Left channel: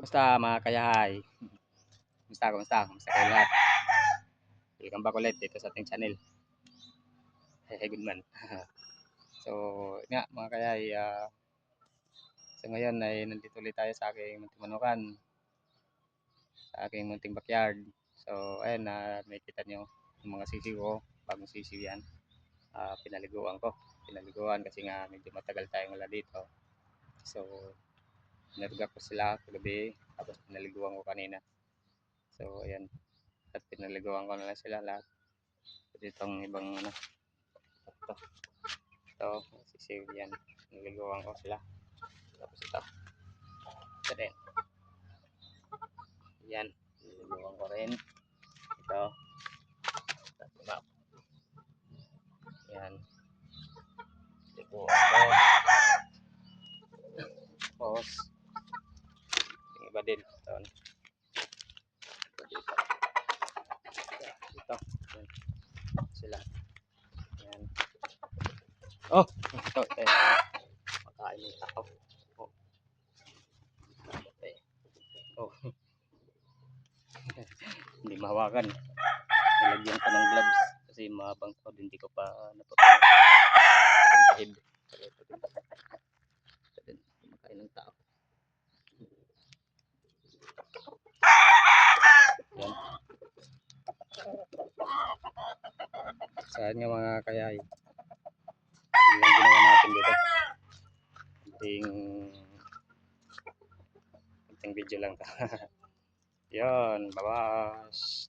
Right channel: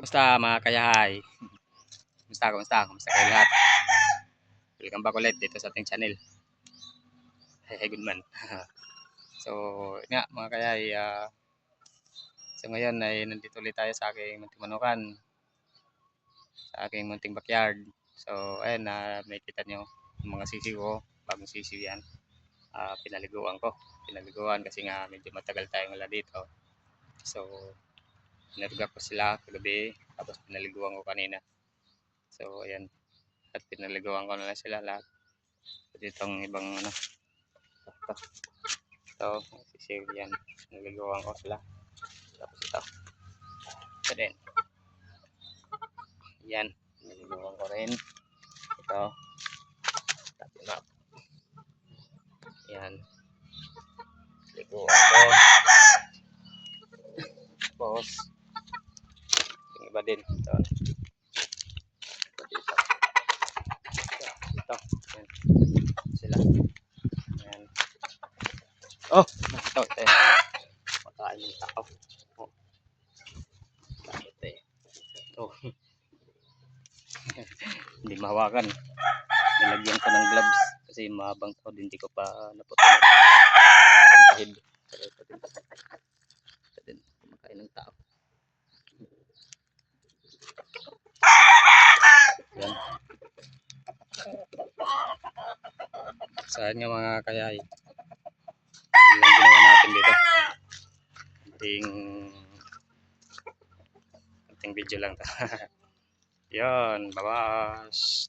Kumusta mga kayahay? Kumusta kayo lahat? Welcome back ulit dito sa ating channel. Hey, good man. So, nga mga kayahay, so ngayon ay nandito ulit tayo sa aking munting manukan, sa aking munting backyard. So, ayun na makikita nyo yung mga sisiw ko, bagong sisiw yan. Pinaliguan kasi nga medyo matagal tayong wala dito. So, naruga ko sila kagabi, tapos pinaliguan ko kanina. So, ayan. At pinaliguan ko na lang sila lahat. Dito ang ibang ano. Ito, sisiw yan. Naliguan ko sila. Tapos ito. Ito din. Yan. Naliguan ko rin. Ito. Tapos ito. Yan. Naliguan ko. Tapos, yung iba din. Ito. Ito. Yan. Sila. Yan. Oh! Ito. Ito. Makain yung tao. Oh. Ito. Hindi mahawakan. Nilagyan ko ng gloves kasi mahabang to, hindi ko pa naputol. Habang kahid. Ito din. Makain ng tao. Yan. Saan nga mga kayay? Yun lang ginawa natin dito. Konting video lang to. Yan, babas.